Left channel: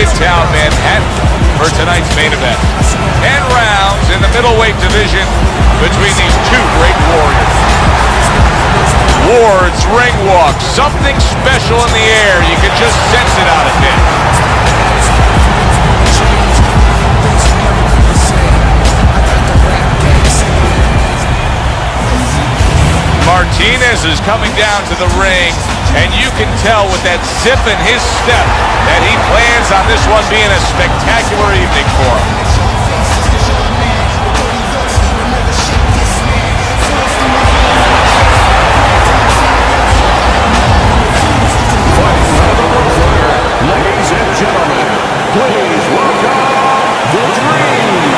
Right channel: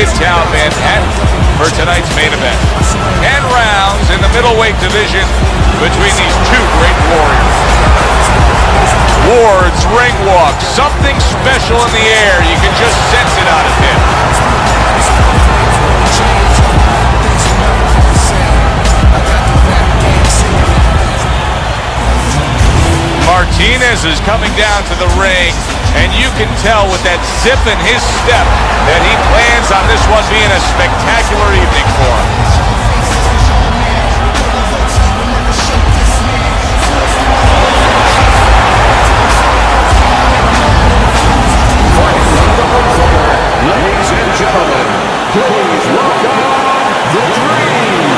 Midtown Manhattan for tonight's main event. 10 rounds in the middleweight division between these two great warriors. Ward's ring walk, something special in the air. You can just sense it out of him. Martinez is coming down to the ring, and you can tell with that zip in his step that he plans on this one being a spectacular evening for him. Fighting out of the blue corner, ladies and gentlemen, please welcome the Dream.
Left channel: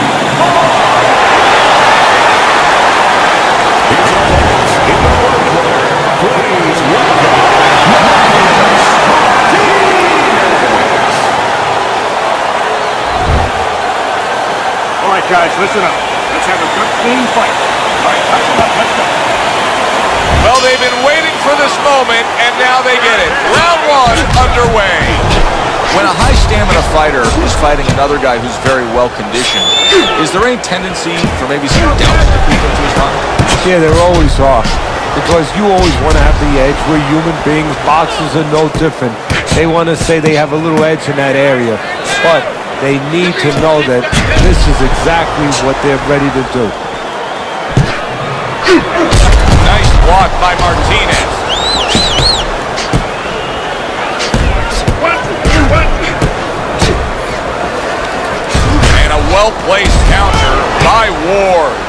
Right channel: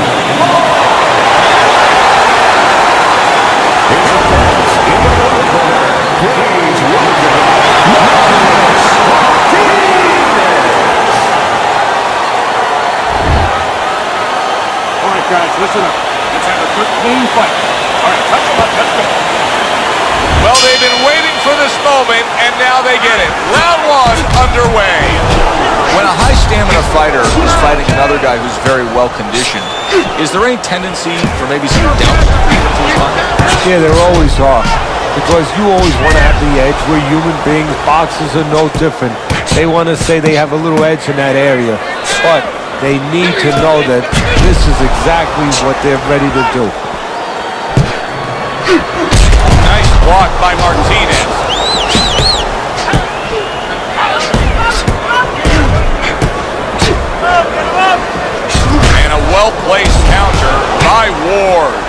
His opponents in the blue corner, please welcome Martinez. All right, guys, listen up. Let's have a good, clean fight. All right, touch him up. Let's go. Well, they've been waiting for this moment, and now they get it. Round one underway. When a high stamina fighter is fighting another guy who's very well conditioned, is there any tendency for maybe some doubts to creep into his mind? Yeah, there always are. Because you always want to have the edge. We're human beings. Boxers are no different. They want to say they have a little edge in that area. But they need to know that this is exactly what they're ready to do. Nice block by Martinez. And a well-placed counter by Ward.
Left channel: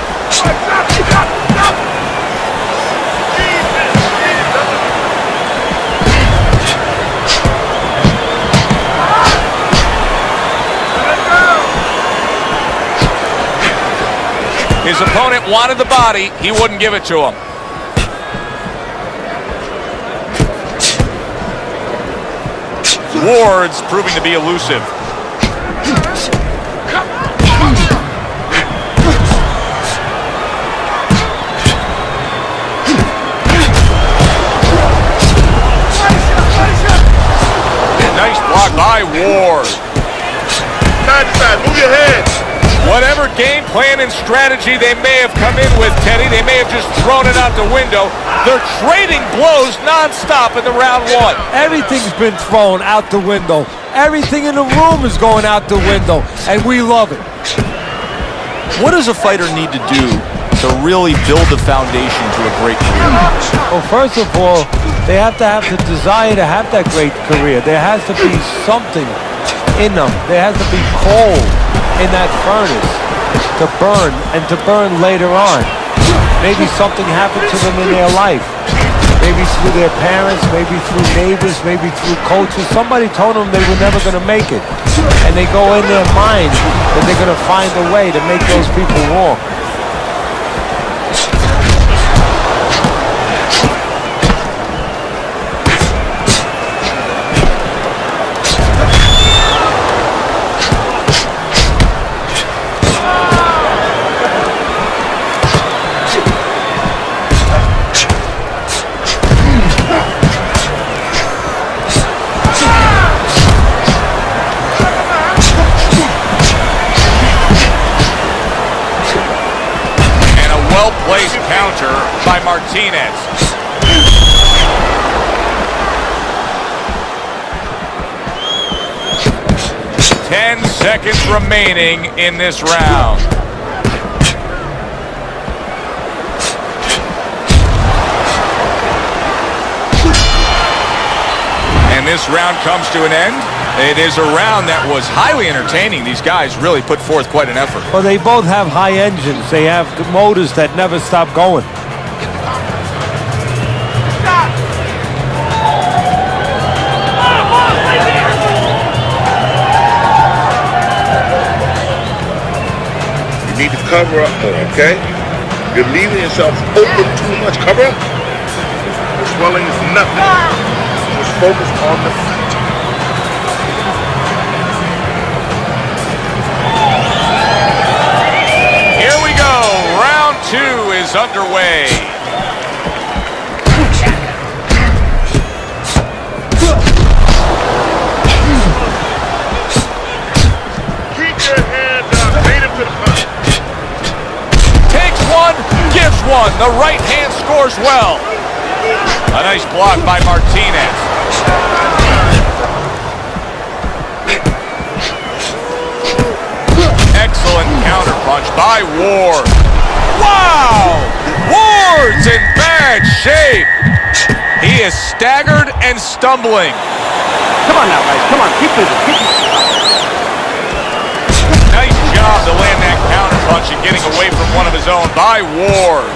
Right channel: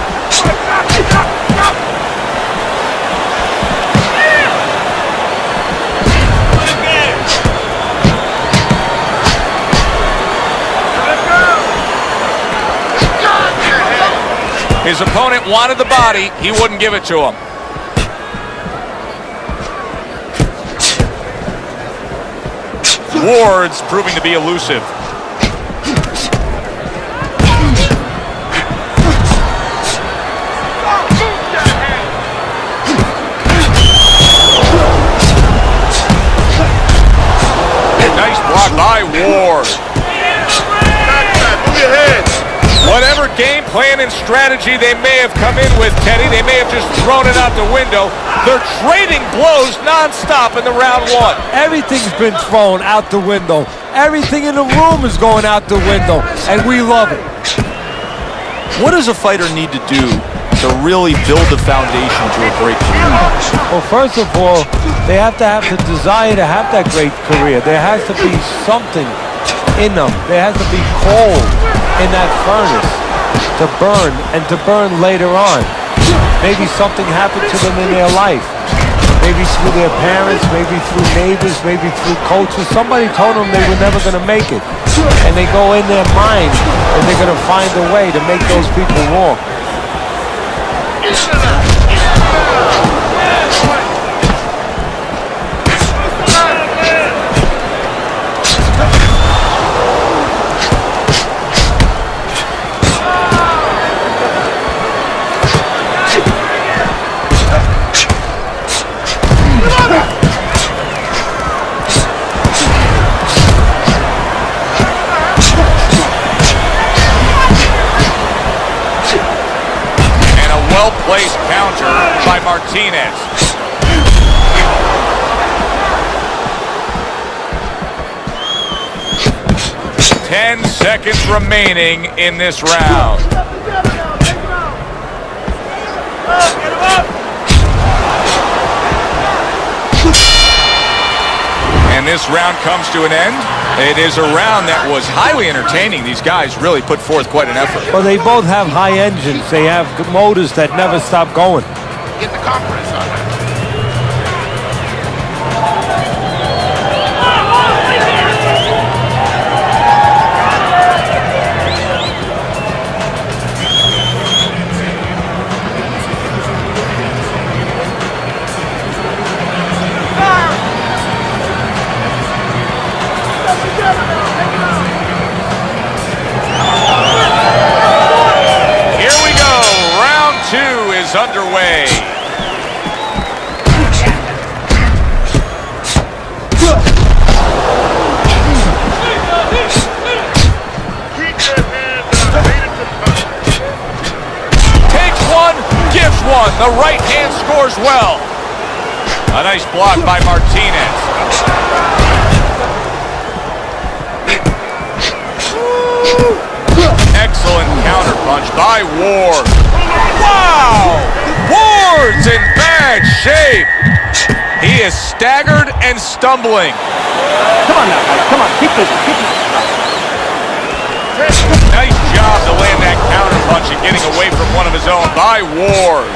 His opponent wanted the body. He wouldn't give it to him. Ward's proving to be elusive. Nice block by Ward. Whatever game plan and strategy they may have come in with, Teddy, they may have just thrown it out the window. They're trading blows nonstop in the round one. Everything's been thrown out the window. Everything in the room is going out the window, and we love it. What does a fighter need to do to really build the foundation to a great career? Well, first of all, they have to have the desire to have that great career. There has to be something in them. There has to be coal in that furnace to burn, and to burn later on. Maybe something happened to them in their life. Maybe through their parents, maybe through neighbors, maybe through coaches. Somebody told them they were never going to make it. And they go in their mind that they're going to find a way to make those people walk. Well-placed counter by Martinez. Ten seconds remaining in this round. And this round comes to an end. It is a round that was highly entertaining. These guys really put forth quite an effort. Well, they both have high engines. They have motors that never stop going. Get the compress on. You need to cover up, okay? You're leaving yourself open too much. Cover up. Swelling is nothing. Focus on the Here we go. Round two is underway. one. The right hand scores well. A nice block by Martinez. Excellent counterpunch by Ward. Wow! Ward's in bad shape. He is staggered and stumbling. Come on now, guys. Come on. Keep busy. Keep busy. Nice job to land that counterpunch and getting away from one of his own by Ward.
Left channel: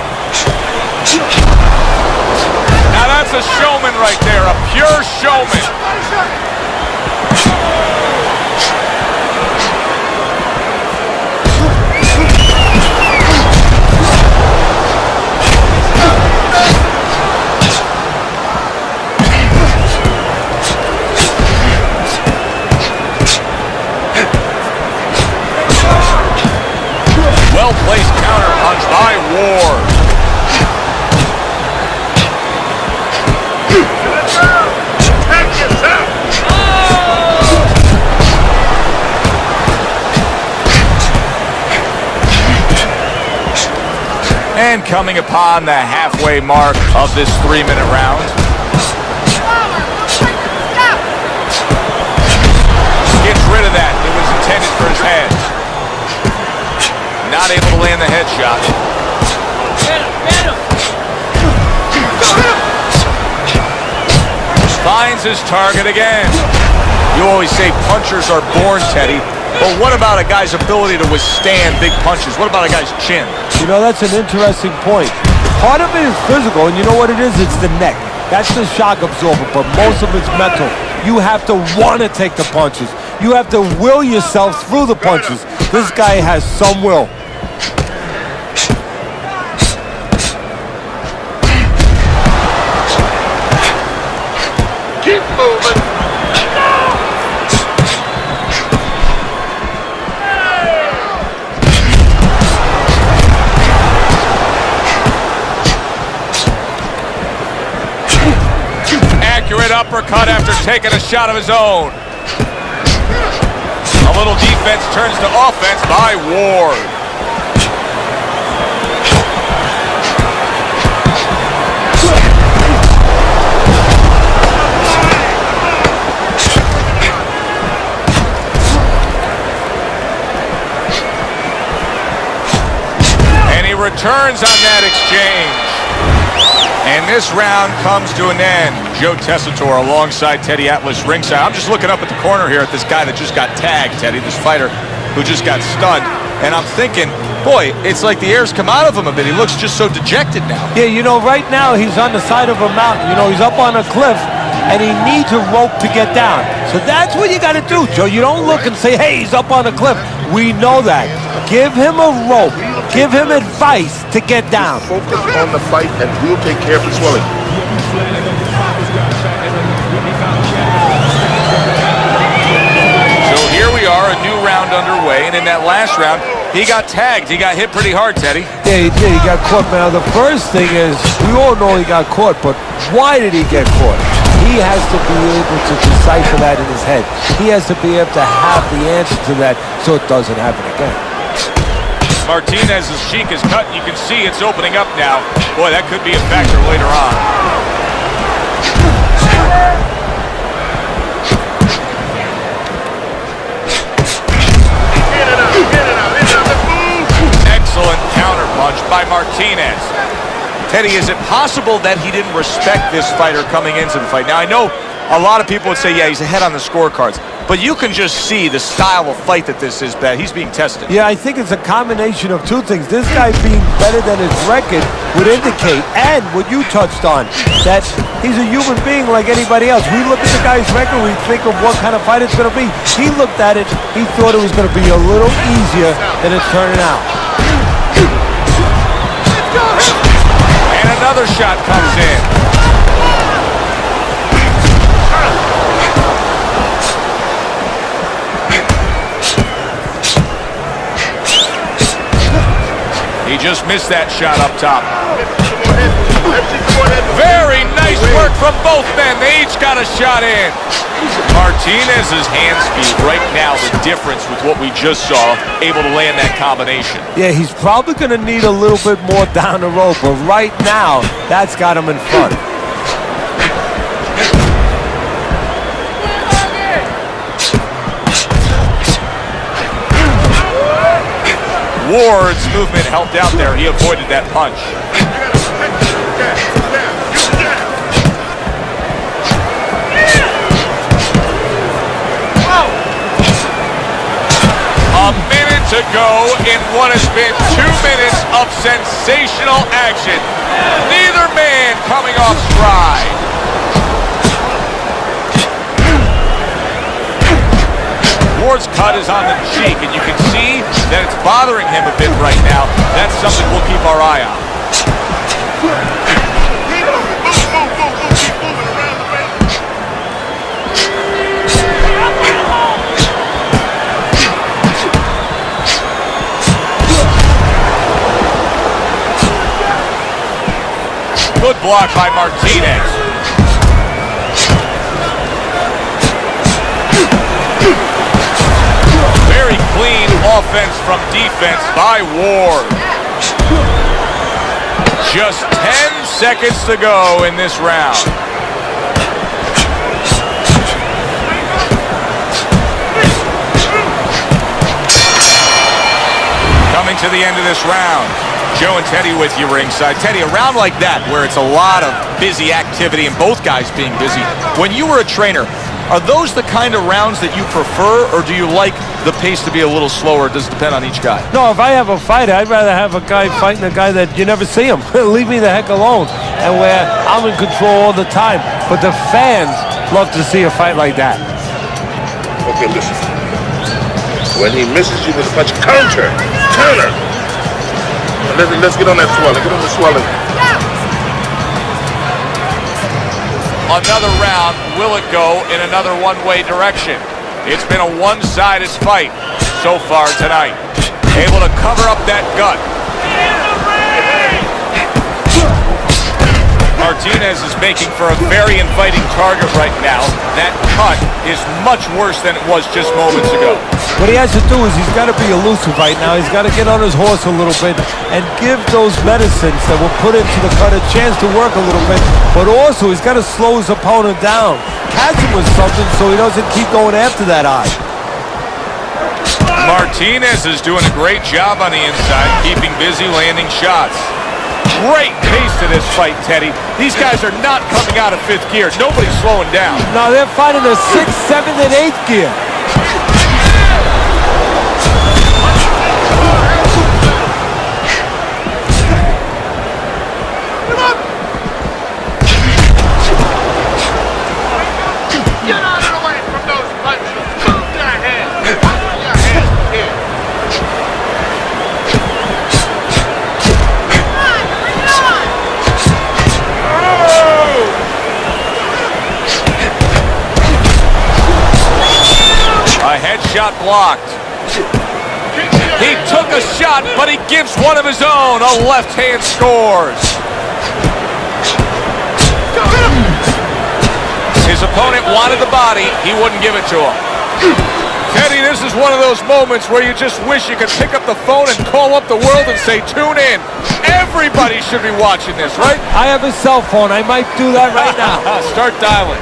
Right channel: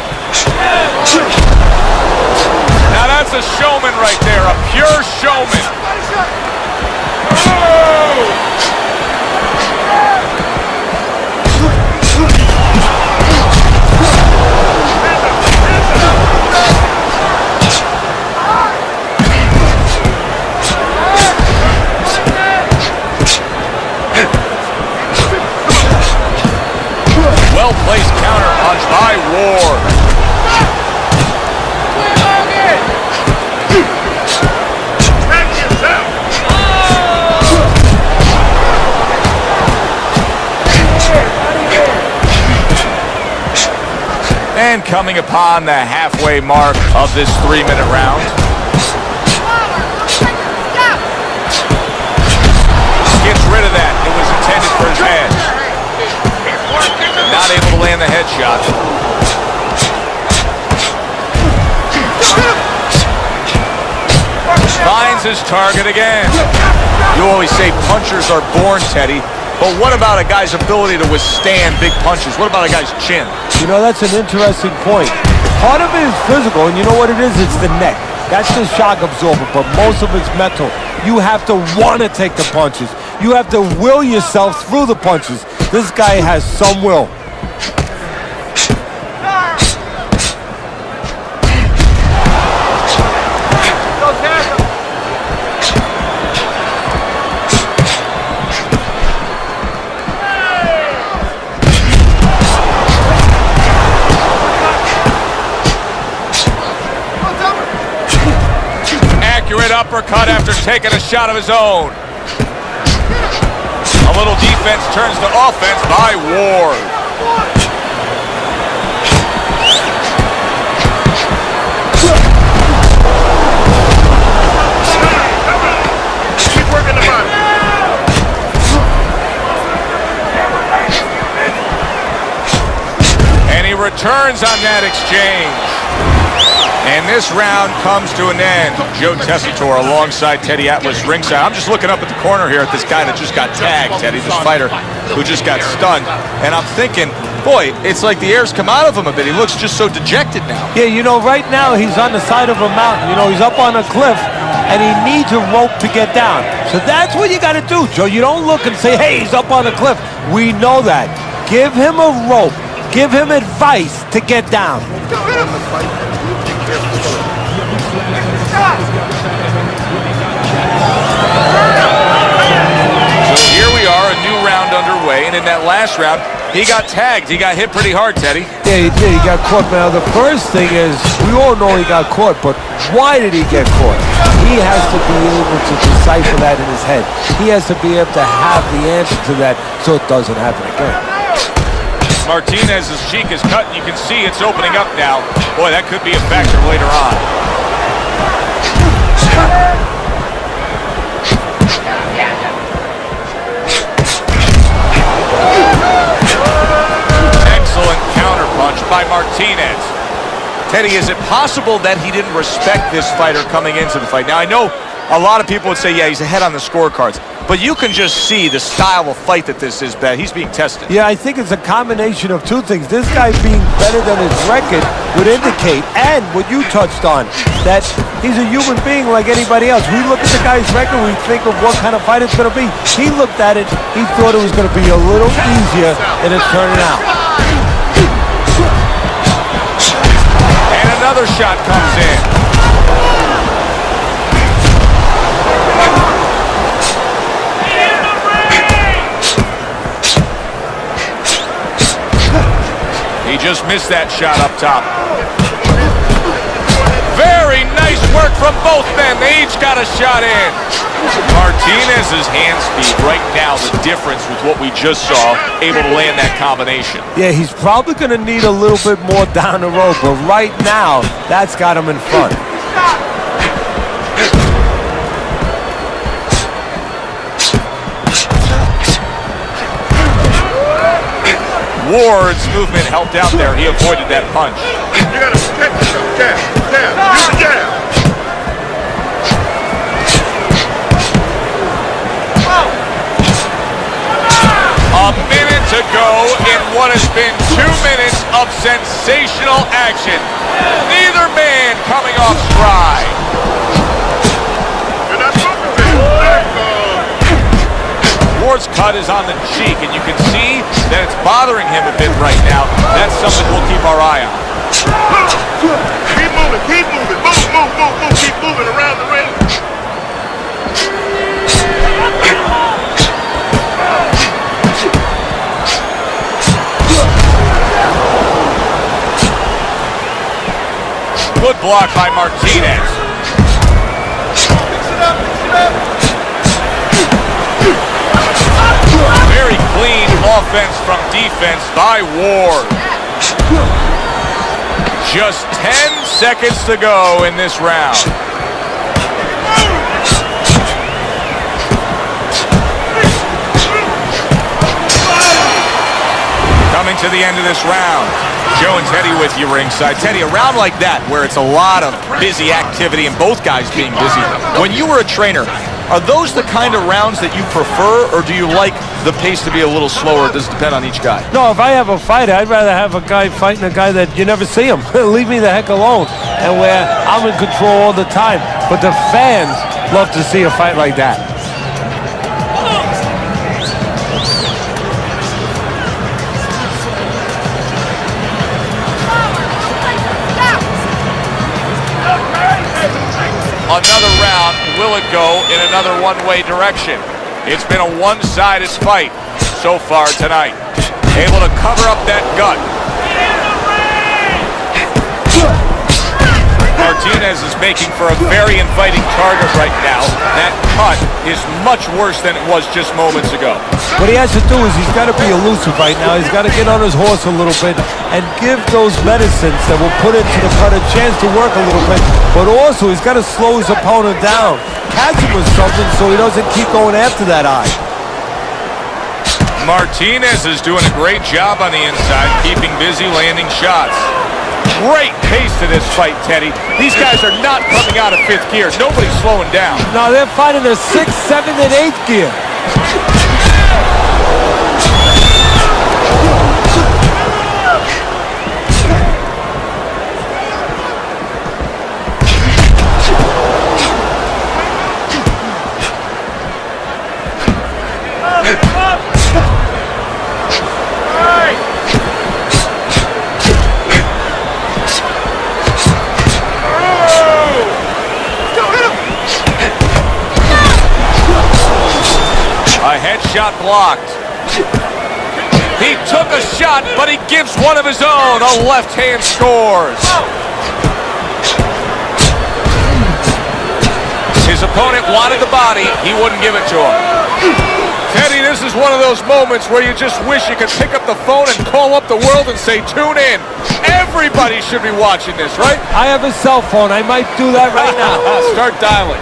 Now that's a showman right there, a pure showman. Well-placed counterpunch by Ward. And coming upon the halfway mark of this 3-minute round. Gets rid of that. It was intended for his head. Not able to land the headshot. Finds his target again. You always say punchers are born, Teddy. But what about a guy's ability to withstand big punches? What about a guy's chin? You know, that's an interesting point. Part of it is physical, and you know what it is? It's the neck. That's the shock absorber, but most of it's mental. You have to want to take the punches. You have to will yourself through the punches. This guy has some will. Keep moving. Accurate uppercut after taking a shot of his own. A little defense turns to offense by Ward. And he returns on that exchange. And this round comes to an end. Joe Tessitore alongside Teddy Atlas ringside. I'm just looking up at the corner here at this guy that just got tagged, Teddy, this fighter who just got stunned. And I'm thinking, boy, it's like the air's come out of him a bit. He looks just so dejected now. Yeah, you know, right now he's on the side of a mountain. You know, he's up on a cliff, and he needs a rope to get down. So that's what you got to do, Joe. You don't look and say, hey, he's up on a cliff. We know that. Give him a rope. Give him advice to get down. Focus on the fight and we'll take care of the swelling. So here we are, a new round underway, and in that last round, he got tagged. He got hit pretty hard, Teddy. Yeah, he did. He got caught. Now, the first thing is, we all know he got caught, but why did he get caught? He has to be able to decipher that in his head. He has to be able to have the answer to that so it doesn't happen again. Martinez's cheek is cut, and you can see it's opening up now. Boy, that could be a factor later on. Excellent counterpunch by Martinez. Teddy, is it possible that he didn't respect this fighter coming into the fight? Now, I know a lot of people would say, yeah, he's ahead on the scorecards. But you can just see the style of fight that this is, Ben. He's being tested. Yeah, I think it's a combination of two things. This guy being better than his record would indicate, and what you touched on, that he's a human being like anybody else. We look at the guy's record, we think of what kind of fight it's going to be. He looked at it, he thought it was going to be a little easier than it's turning out. And another shot comes in. He just missed that shot up top. Very nice work from both men. They each got a shot in. Martinez's hand speed right now, the difference with what we just saw, able to land that combination. Yeah, he's probably going to need a little bit more down the road, but right now, that's got him in front. Ward's movement helped out there. He avoided that punch. A minute to go in what has been 2 minutes of sensational action. Neither man coming off stride. Ward's cut is on the cheek, and you can see that it's bothering him a bit right now. That's something we'll keep our eye on. Good block by Martinez. Very clean offense from defense by Ward. Just 10 seconds to go in this round. Coming to the end of this round. Joe and Teddy with you ringside. Teddy, a round like that where it's a lot of busy activity and both guys being busy. When you were a trainer, are those the kind of rounds that you prefer, or do you like the pace to be a little slower? It does depend on each guy. No, if I have a fight, I'd rather have a guy fighting a guy that you never see him. Leave me the heck alone. And where I'm in control all the time. But the fans love to see a fight like that. Okay, listen. When he misses you this much, counter. Let's get on that swelling. Get on the swelling. Another round. Will it go in another one-way direction? It's been a one-sided fight so far tonight. Able to cover up that gut. Martinez is making for a very inviting target right now. That cut is much worse than it was just moments ago. What he has to do is he's got to be elusive right now. He's got to get on his horse a little bit and give those medicines that will put into the cut a chance to work a little bit. But also, he's got to slow his opponent down. Catch him with something so he doesn't keep going after that eye. Martinez is doing a great job on the inside, keeping busy, landing shots. Great pace to this fight, Teddy. These guys are not coming out of fifth gear. Nobody's slowing down. No, they're fighting a 6th, 7th, and 8th gear. A headshot blocked. He took a shot, but he gives one of his own. A left hand scores. His opponent wanted the body. He wouldn't give it to him. Teddy, this is one of those moments where you just wish you could pick up the phone and call up the world and say, tune in. Everybody should be watching this, right? I have a cell phone. I might do that right now. Start dialing.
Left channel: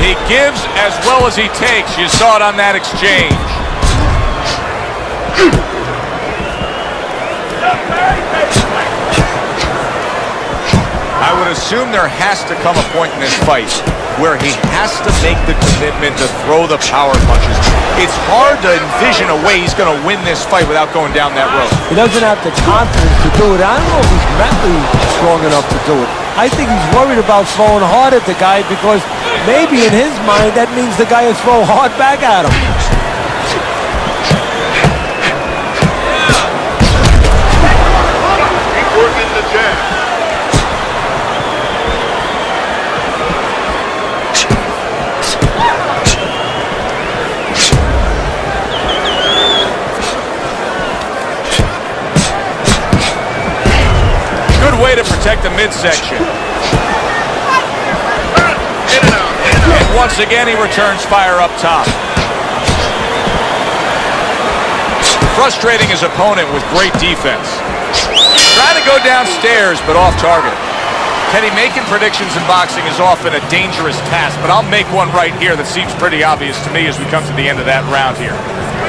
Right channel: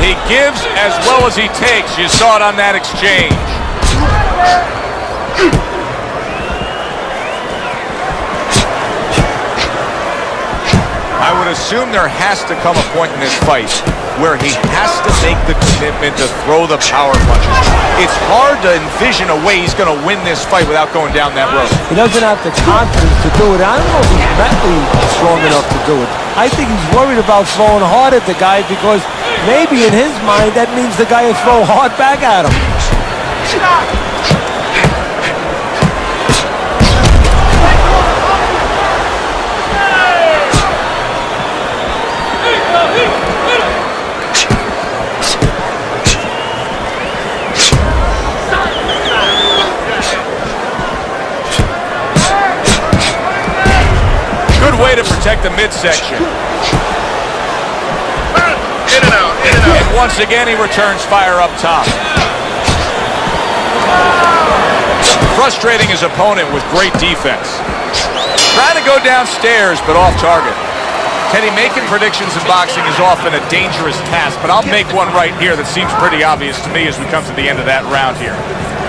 He gives as well as he takes. You saw it on that exchange. I would assume there has to come a point in this fight where he has to make the commitment to throw the power punches. It's hard to envision a way he's going to win this fight without going down that road. He doesn't have the confidence to do it. I don't know if he's mentally strong enough to do it. I think he's worried about throwing hard at the guy because maybe in his mind that means the guy will throw hard back at him. way to protect the midsection. And once again, he returns fire up top. Frustrating his opponent with great defense. Trying to go downstairs, but off target. Teddy, making predictions in boxing is often a dangerous task, but I'll make one right here that seems pretty obvious to me as we come to the end of that round here.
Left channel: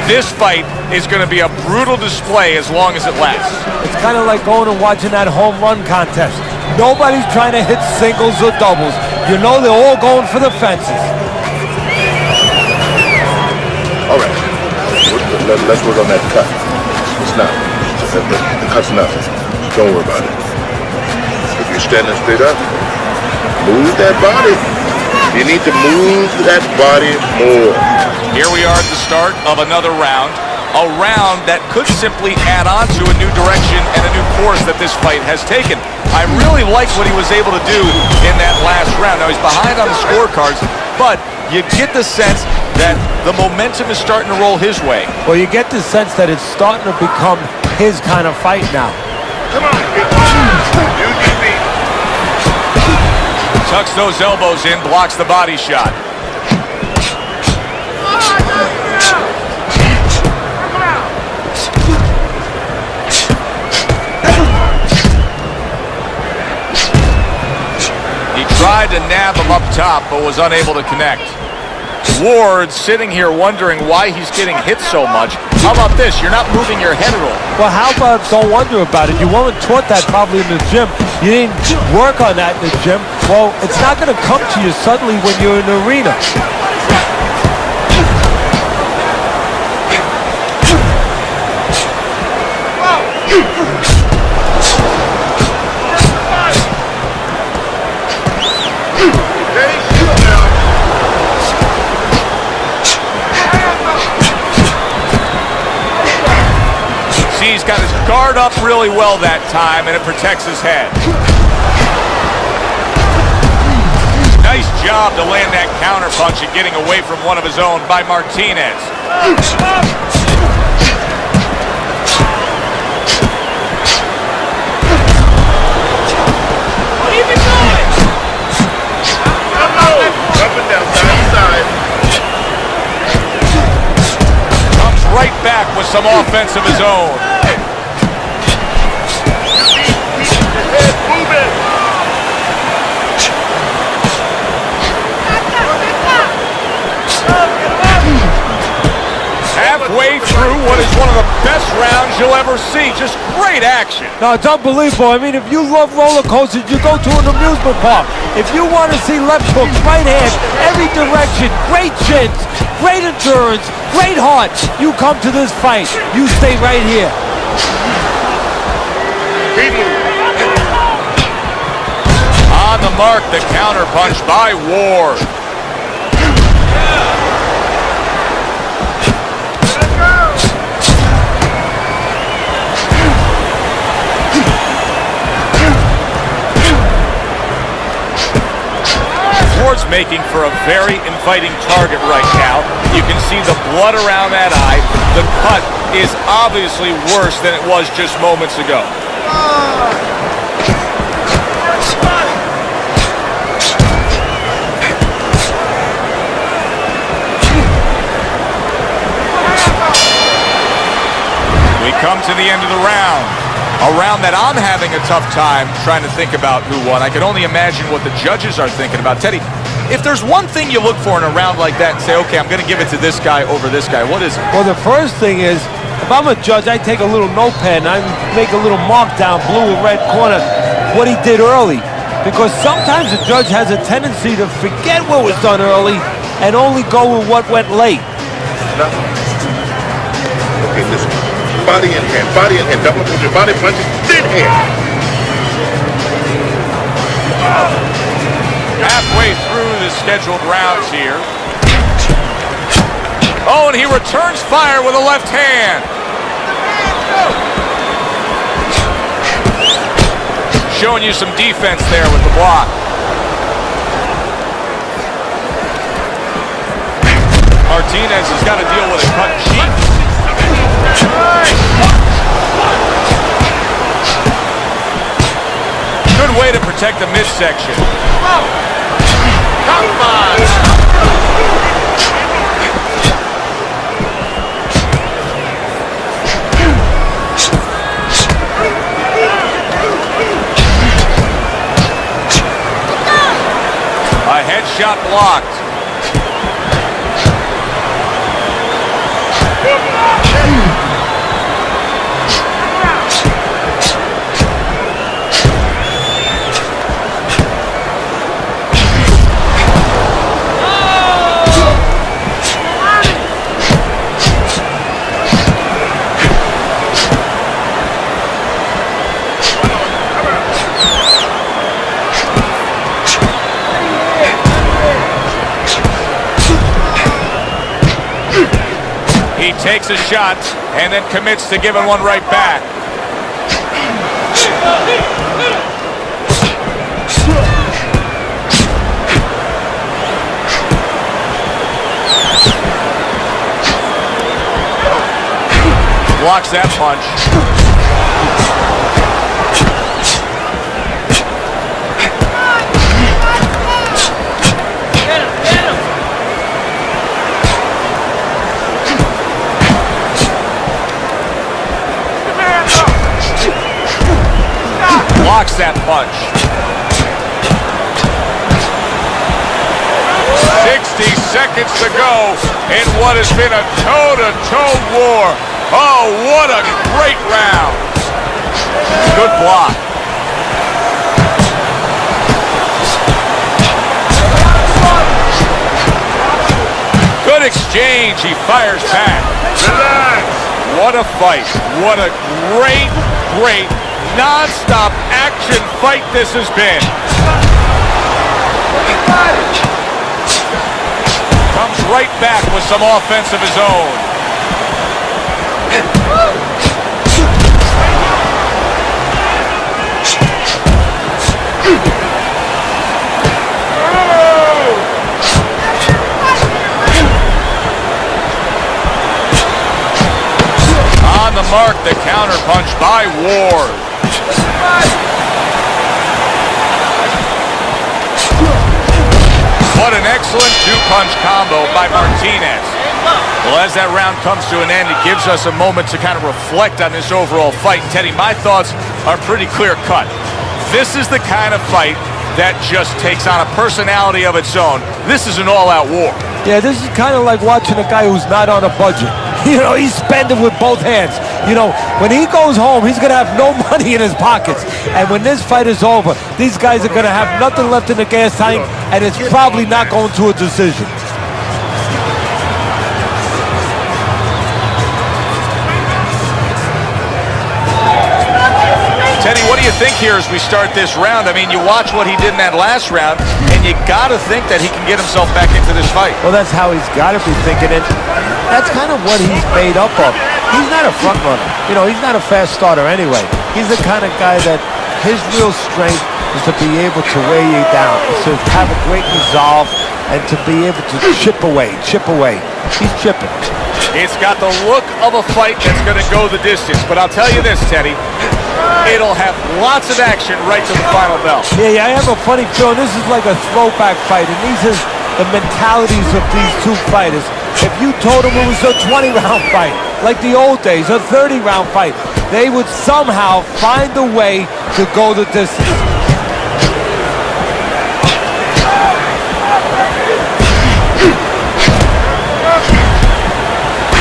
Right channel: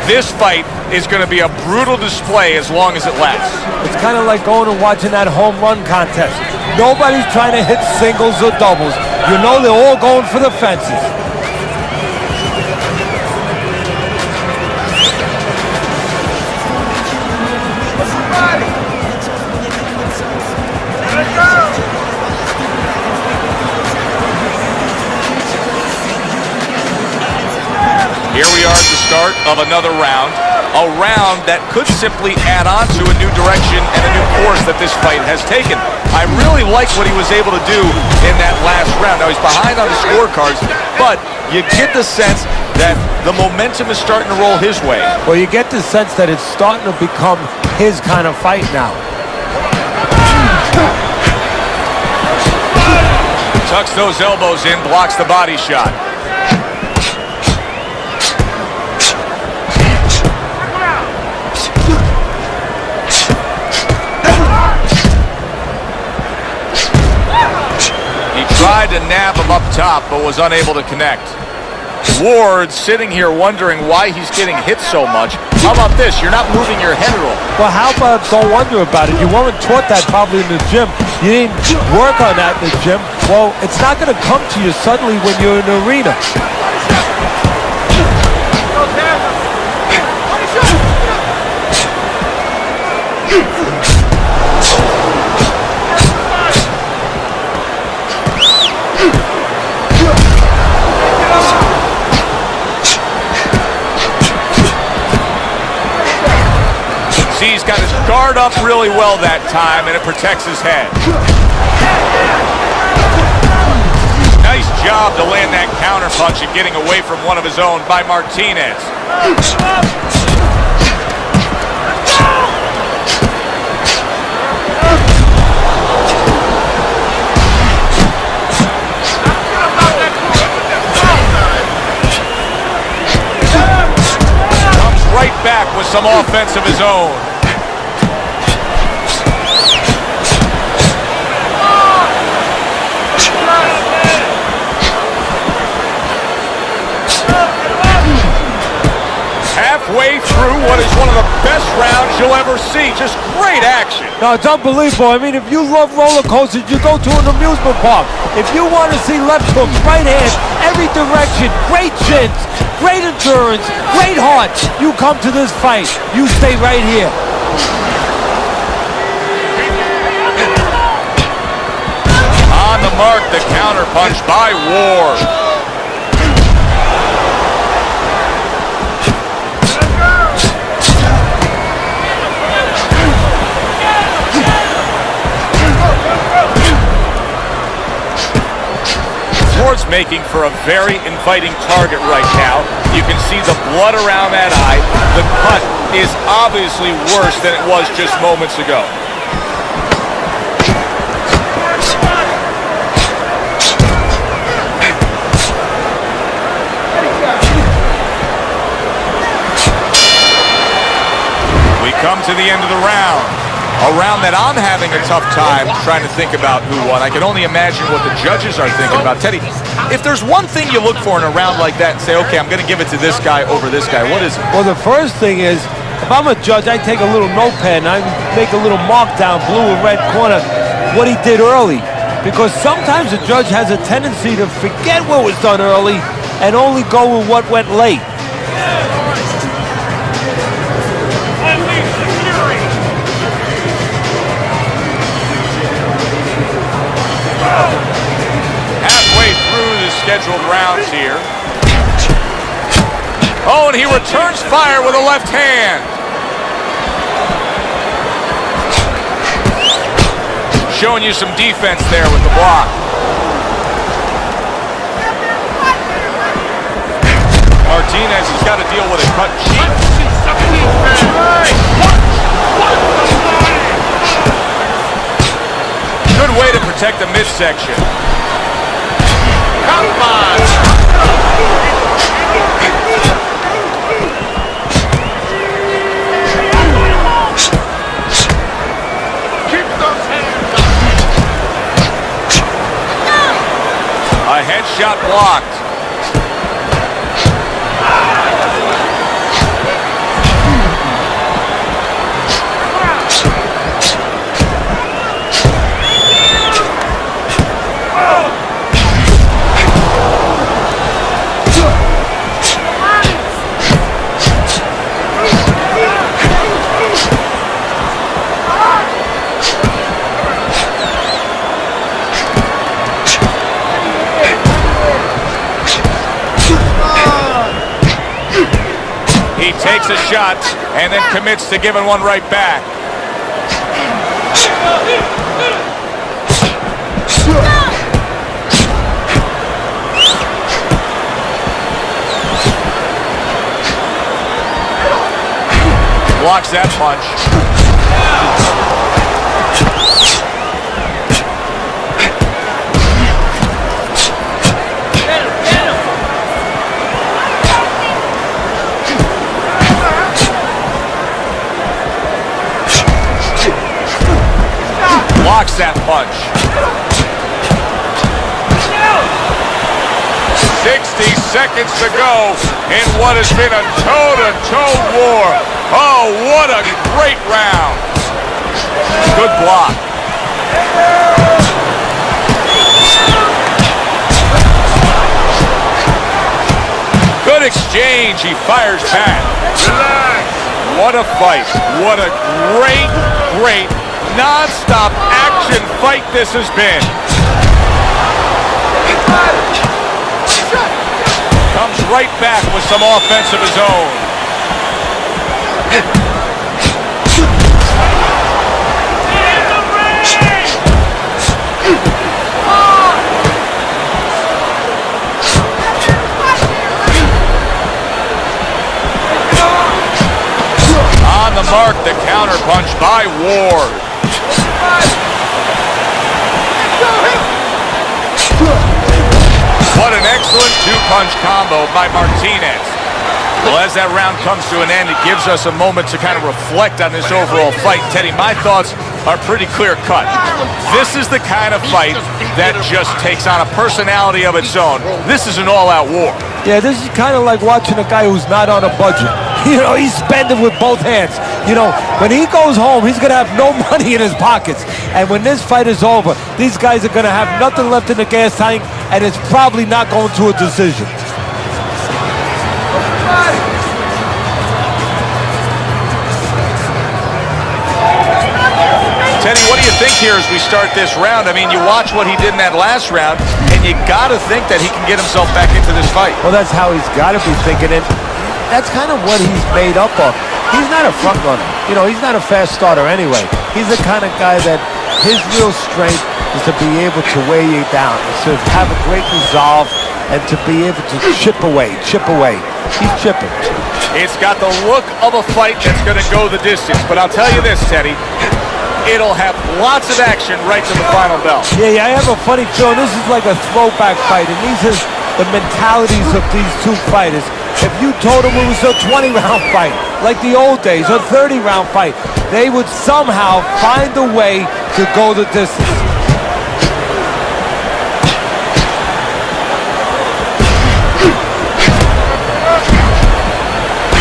This fight is going to be a brutal display as long as it lasts. It's kind of like going and watching that home run contest. Nobody's trying to hit singles or doubles. You know they're all going for the fences. All right. Let's work on that cut. It's not. The cut's nothing. Don't worry about it. If you're standing straight up, move that body. You need to move that body more. Here we are at the start of another round. A round that could simply add on to a new direction and a new course that this fight has taken. I really like what he was able to do in that last round. Now, he's behind on the scorecards, but you get the sense that the momentum is starting to roll his way. Well, you get the sense that it's starting to become his kind of fight now. Tucks those elbows in, blocks the body shot. He tried to nab him up top, but was unable to connect. Ward sitting here wondering why he's getting hit so much. How about this? You're not moving your head at all. Well, how about don't wonder about it? You weren't taught that probably in the gym. You didn't work on that in the gym. Well, it's not going to come to you suddenly when you're in the arena. He's got his guard up really well that time, and it protects his head. Nice job to land that counter punch and getting away from one of his own by Martinez. Comes right back with some offense of his own. Halfway through what is one of the best rounds you'll ever see. Just great action. No, it's unbelievable. I mean, if you love roller coasters, you go to an amusement park. If you want to see left hooks, right hands, every direction, great chins, great endurance, great heart, you come to this fight. You stay right here. On the mark, the counter punch by Ward. Ward's making for a very inviting target right now. You can see the blood around that eye. The cut is obviously worse than it was just moments ago. We come to the end of the round. A round that I'm having a tough time trying to think about who won. I can only imagine what the judges are thinking about. Teddy, if there's one thing you look for in a round like that and say, okay, I'm going to give it to this guy over this guy, what is it? Well, the first thing is, if I'm a judge, I take a little notepad and I make a little mark down, blue or red corner, what he did early. Because sometimes a judge has a tendency to forget what was done early and only go with what went late. Body in hand, double your body punch, big hand. Halfway through the scheduled rounds here. Oh, and he returns fire with a left hand. Showing you some defense there with the block. Martinez has got to deal with a cut cheek. Good way to protect the midsection. A headshot blocked. He takes a shot and then commits to giving one right back. Blocks that punch. Blocks that punch. 60 seconds to go in what has been a toe-to-toe war. Oh, what a great round. Good block. Good exchange. He fires back. What a fight. What a great non-stop action fight this has been. Comes right back with some offense of his own. On the mark, the counterpunch by Ward. What an excellent two-punch combo by Martinez. Well, as that round comes to an end, it gives us a moment to kind of reflect on this overall fight. Teddy, my thoughts are pretty clear-cut. This is the kind of fight that just takes on a personality of its own. This is an all-out war. Yeah, this is kind of like watching a guy who's not on a budget. You know, he's spending with both hands. You know, when he goes home, he's going to have no money in his pockets. And when this fight is over, these guys are going to have nothing left in the gas tank, and it's probably not going to a decision. Teddy, what do you think here as we start this round? I mean, you watch what he did in that last round, and you got to think that he can get himself back into this fight. Well, that's how he's got to be thinking, and that's kind of what he's made up of. He's not a front runner. You know, he's not a fast starter anyway. He's the kind of guy that his real strength is to be able to weigh you down, is to have a great resolve, and to be able to chip away. He's chipping. It's got the look of a fight that's going to go the distance, but I'll tell you this, Teddy. It'll have lots of action right to the final bell. Yeah, I have a funny feeling this is like a throwback fight, and these are the mentalities of these two fighters. If you told them it was a 20-round fight, like the old days, a 30-round fight, they would somehow find a way to go the distance.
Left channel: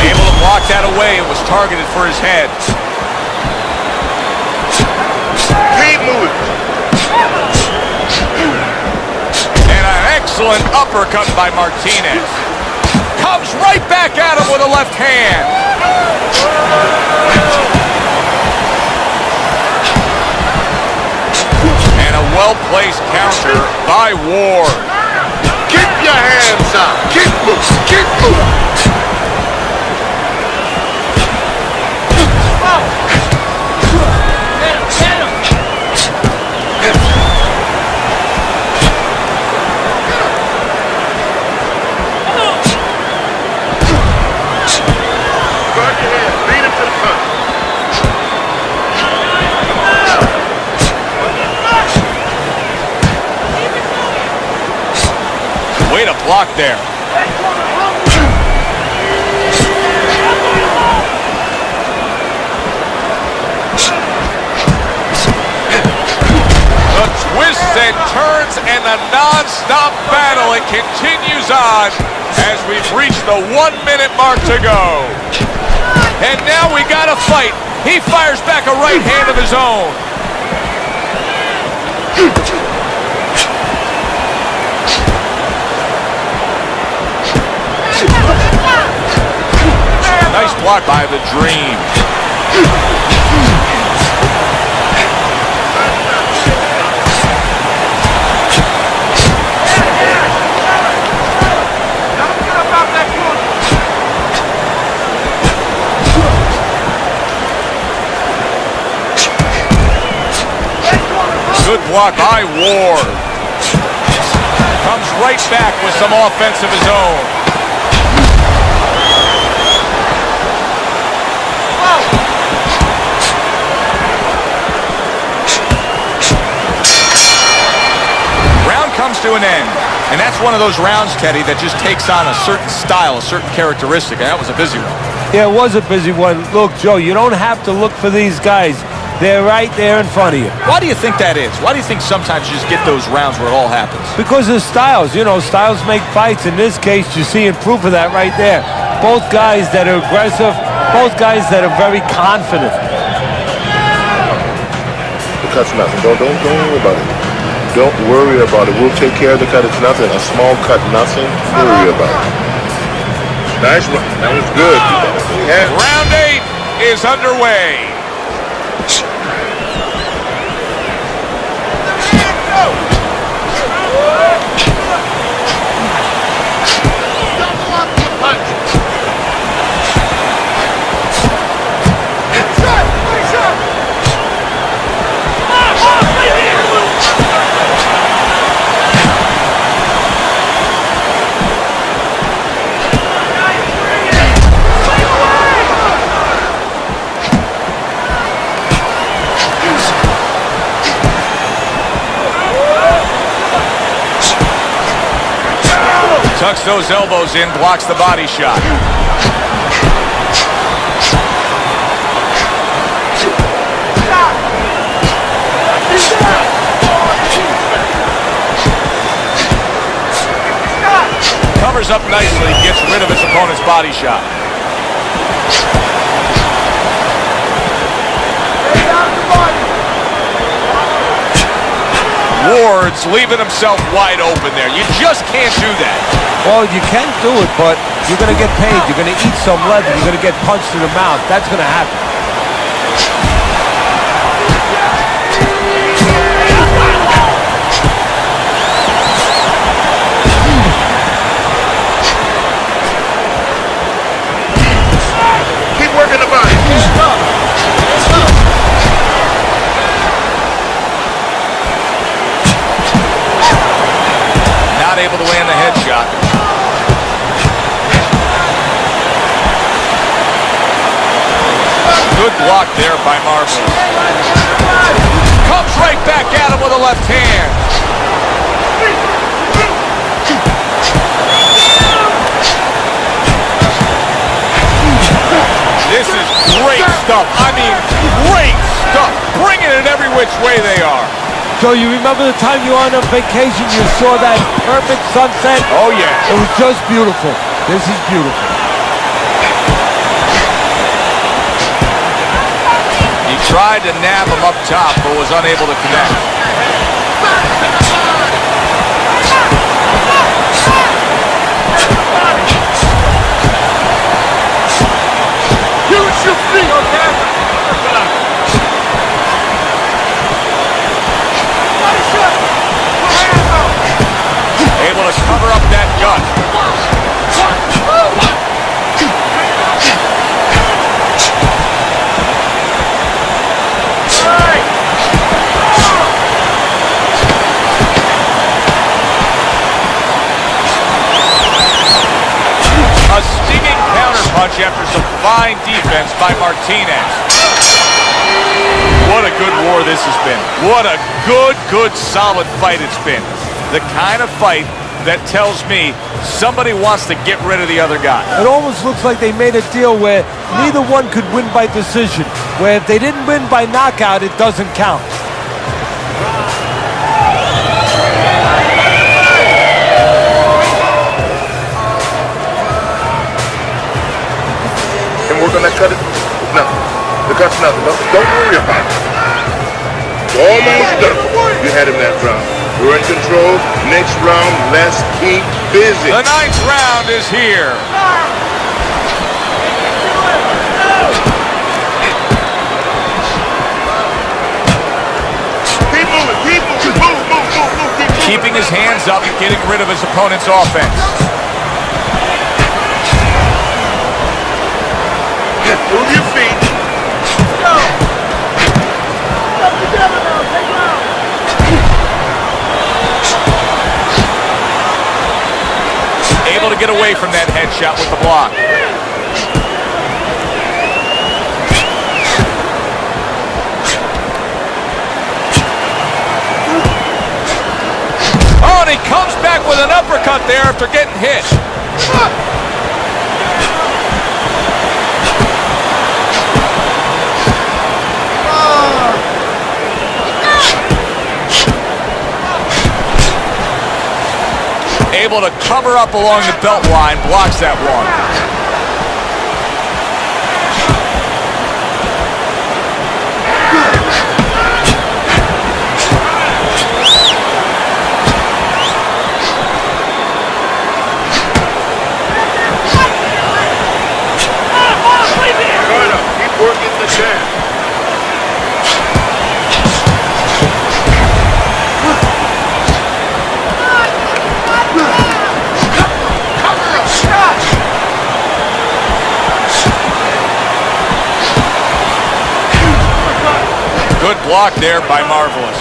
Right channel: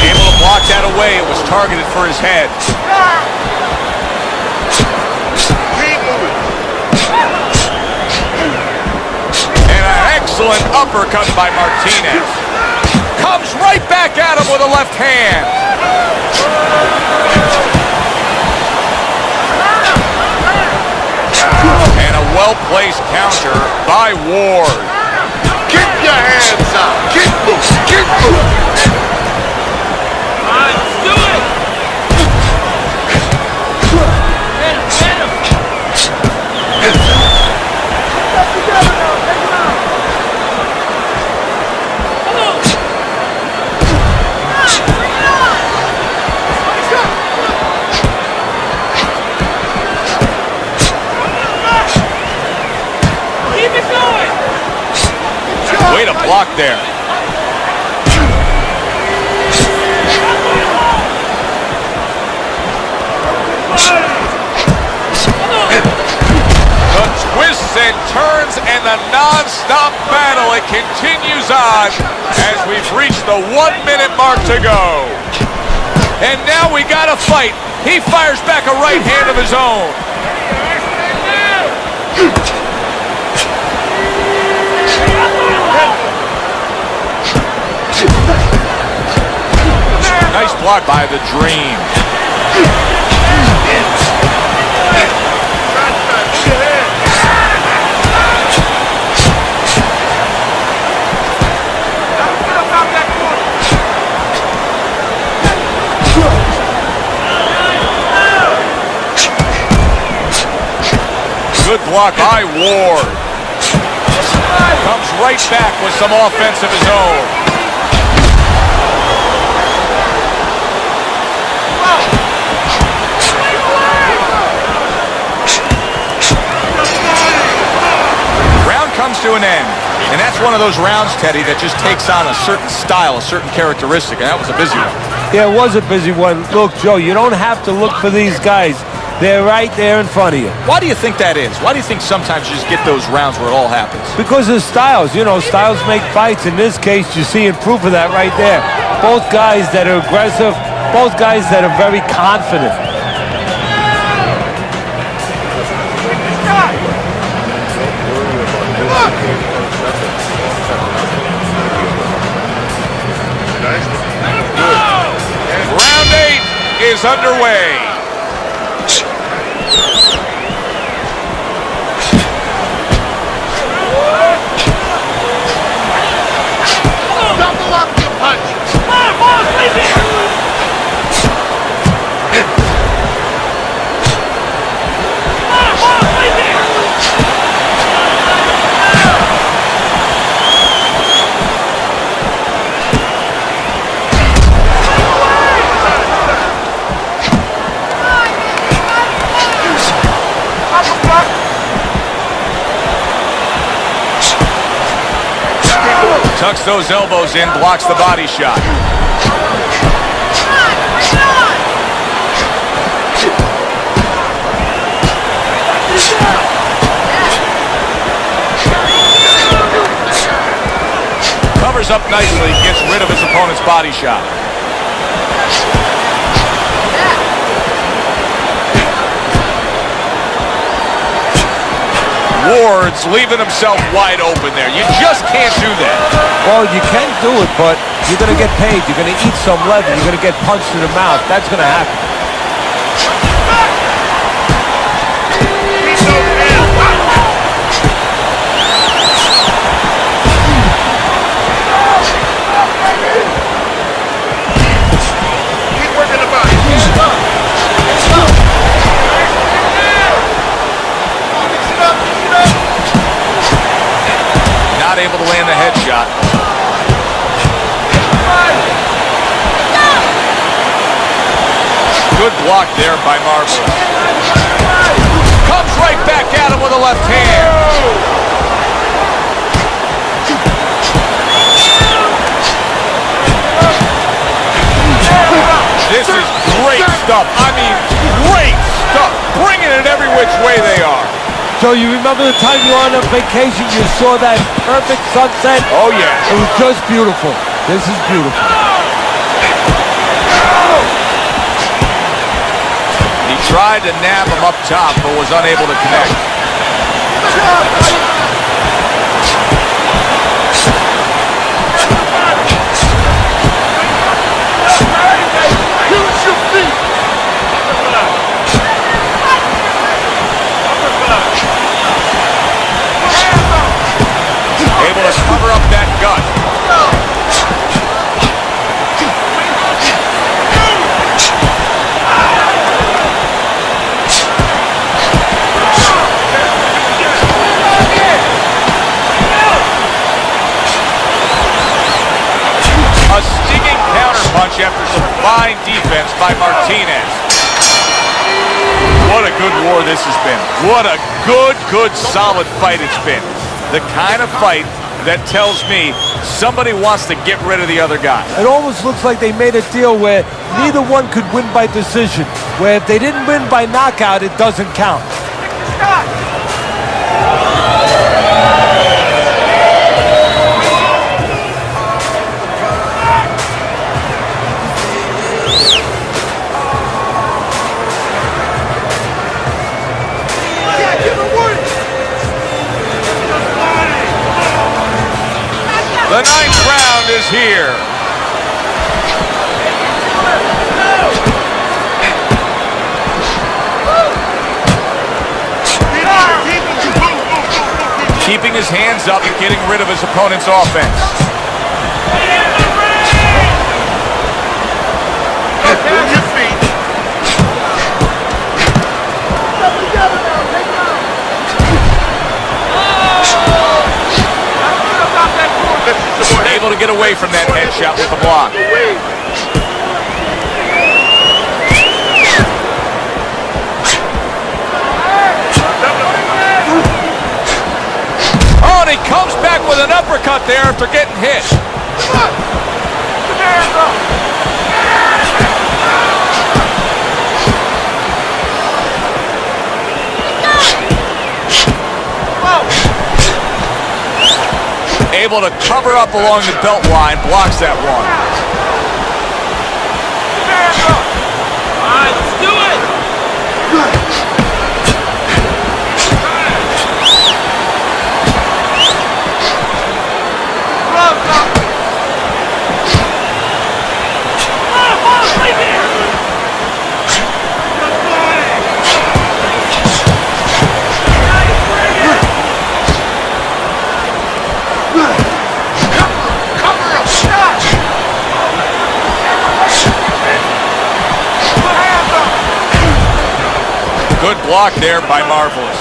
Able to block that away. It was targeted for his head. Excellent uppercut by Martinez. Comes right back at him with a left hand. And a well-placed counter by Ward. Way to block there. The twists and turns and the non-stop battle, it continues on as we've reached the 1 minute mark to go. And now we got a fight. He fires back a right hand of his own. Nice block by the Dream. Good block by Ward. Comes right back with some offense of his own. Round comes to an end. And that's one of those rounds, Teddy, that just takes on a certain style, a certain characteristic, and that was a busy one. Yeah, it was a busy one. Look, Joe, you don't have to look for these guys. They're right there in front of you. Why do you think that is? Why do you think sometimes you just get those rounds where it all happens? Because of styles. You know, styles make fights. In this case, you're seeing proof of that right there. Both guys that are aggressive, both guys that are very confident. Don't worry about it. We'll take care of the cut. It's nothing. A small cut, nothing to worry about. Nice. That was good. Yeah. Round 8 is underway. Tucks those elbows in, blocks the body shot. Covers up nicely, gets rid of his opponent's body shot. Ward's leaving himself wide open there. You just can't do that. Well, you can do it, but you're going to get paid. You're going to eat some leather. You're going to get punched in the mouth. That's going to happen. Not able to land the headshot. Good block there by Marvelous. Comes right back at him with a left hand. This is great stuff. I mean, great stuff. Bringing it every which way they are. So you remember the time you were on a vacation, you saw that perfect sunset? Oh, yeah. It was just beautiful. This is beautiful. He tried to nab him up top, but was unable to connect. Able to cover up that gut. A stinging counterpunch after some fine defense by Martinez. What a good war this has been. What a good, solid fight it's been. The kind of fight that tells me somebody wants to get rid of the other guy. It almost looks like they made a deal where neither one could win by decision, where if they didn't win by knockout, it doesn't count. And we're gonna cut it. No, the cut's not. Don't worry about it. Almost done. You had it that round. We're in control. Next round, let's keep busy. The 9th round is here. Keeping his hands up and getting rid of his opponent's offense. Able to get away from that headshot with the block. Oh, and he comes back with an uppercut there after getting hit. Able to cover up along the belt line, blocks that one. Good block there by Marvelous.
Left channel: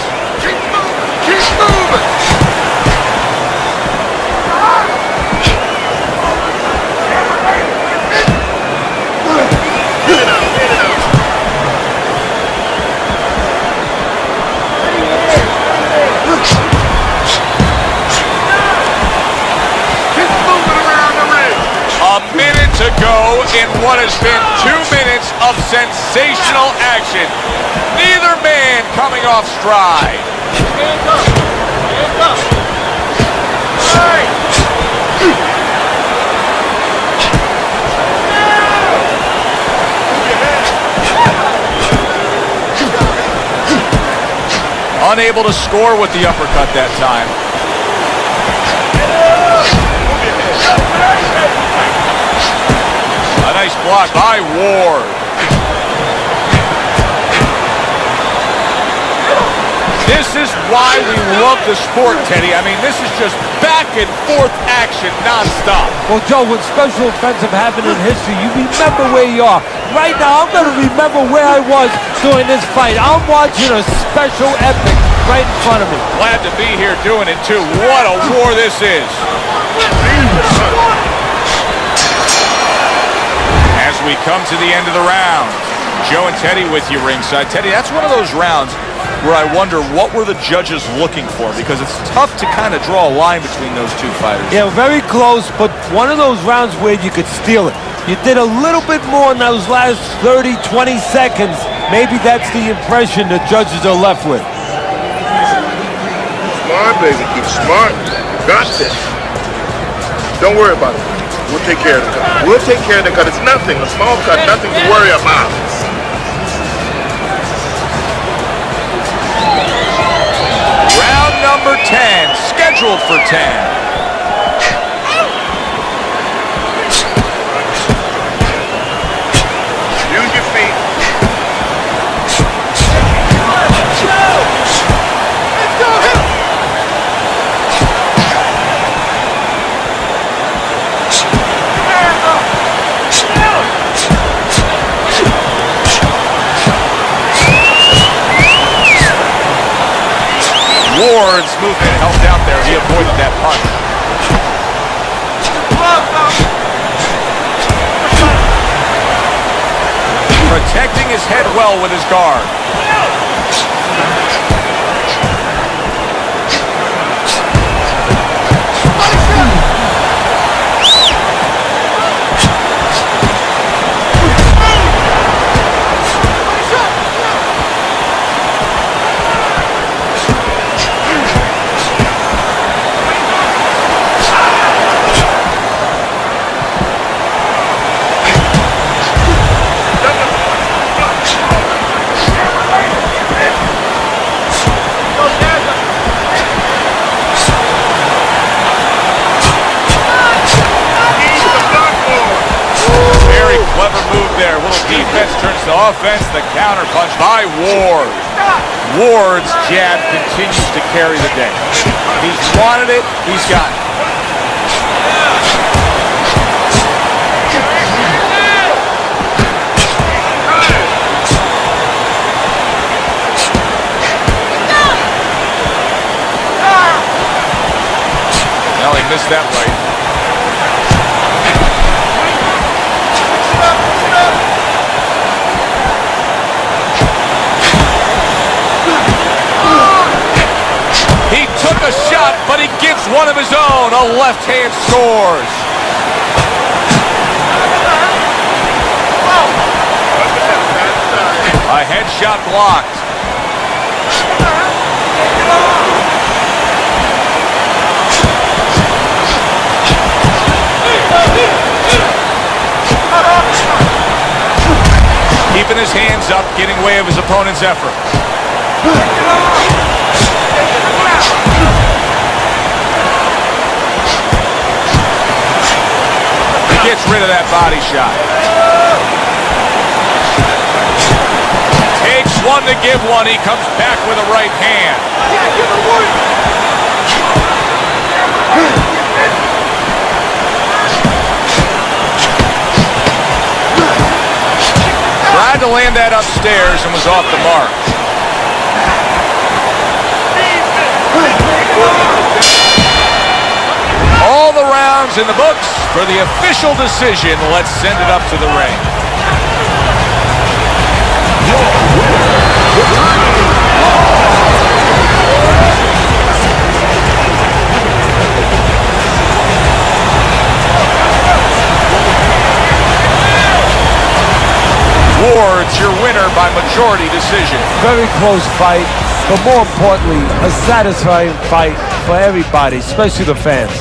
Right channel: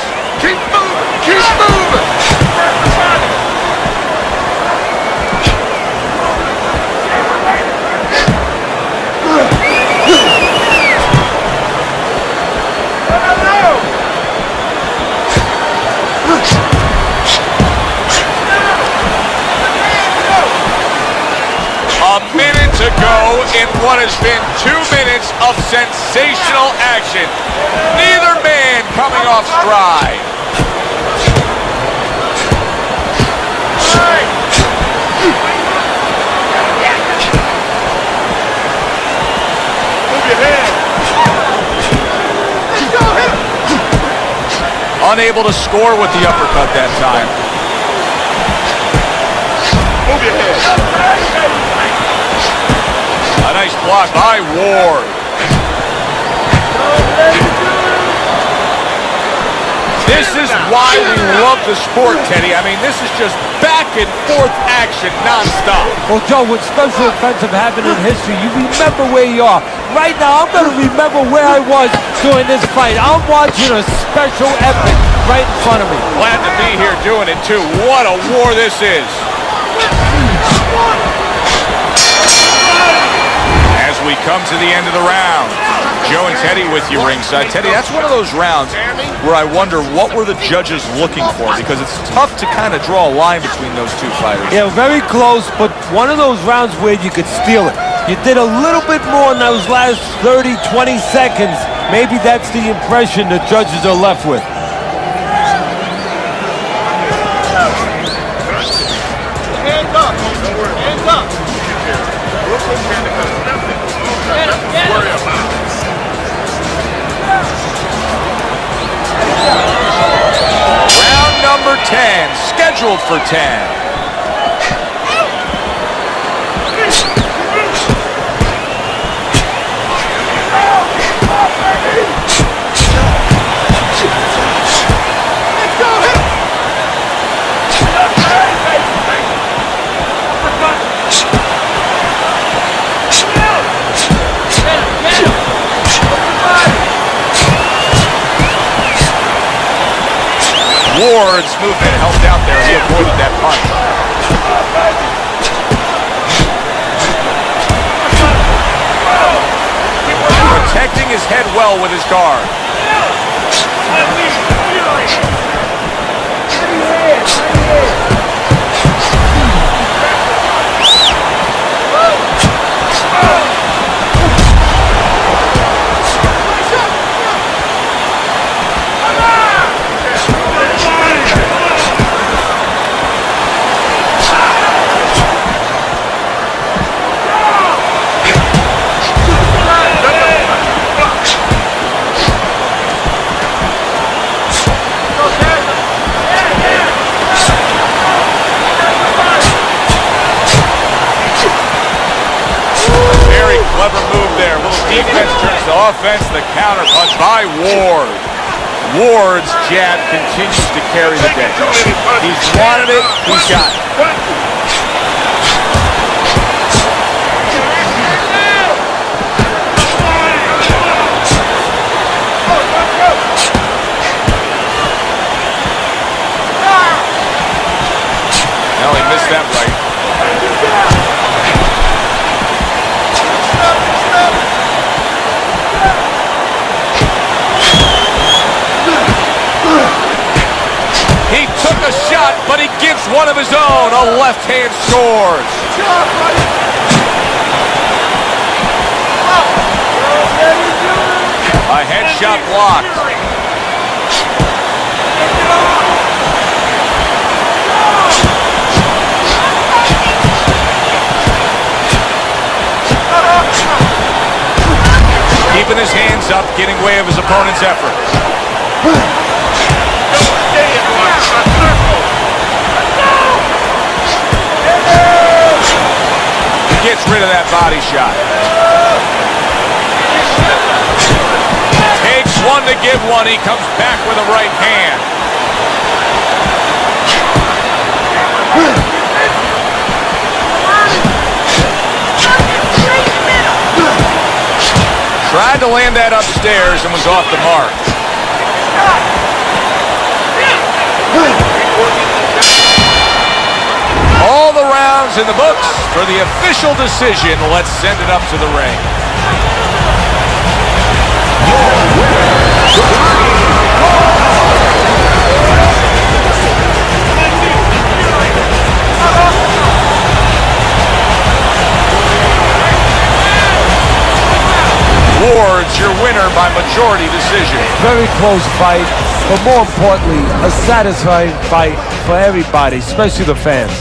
A minute to go in what has been 2 minutes of sensational action. Neither man coming off stride. Unable to score with the uppercut that time. A nice block by Ward. This is why we love the sport, Teddy. I mean, this is just back and forth action nonstop. Well, Joe, when special offensive happened in history, you remember where you are. Right now, I'm going to remember where I was during this fight. I'm watching a special epic right in front of me. Glad to be here doing it, too. What a war this is. As we come to the end of the round, Joe and Teddy with you ringside. Teddy, that's one of those rounds where I wonder what were the judges looking for, because it's tough to kind of draw a line between those two fighters. Yeah, very close, but one of those rounds where you could steal it. You did a little bit more in those last 30, 20 seconds. Maybe that's the impression the judges are left with. Smart, baby. You smart. Got it. Don't worry about it. We'll take care of it. We'll take care of it because it's nothing. A small cut, nothing to worry about. Round number 10, scheduled for 10. Ward's movement helped out there. He avoided that punch. Protecting his head well with his guard. Clever move there. A little defense turns to offense. The counter punch by Ward. Ward's jab continues to carry the day. He's wanted it. He's got it. No, he missed that right. He took a shot, but he gives one of his own. A left hand scores. A headshot blocked. Keeping his hands up, getting way of his opponent's effort. Gets rid of that body shot. Takes one to give one. He comes back with a right hand. Tried to land that upstairs and was off the mark. All the rounds in the books for the official decision. Let's send it up to the ring. Your winner, the Green Card. Ward's your winner by majority decision. Very close fight, but more importantly, a satisfying fight for everybody, especially the fans.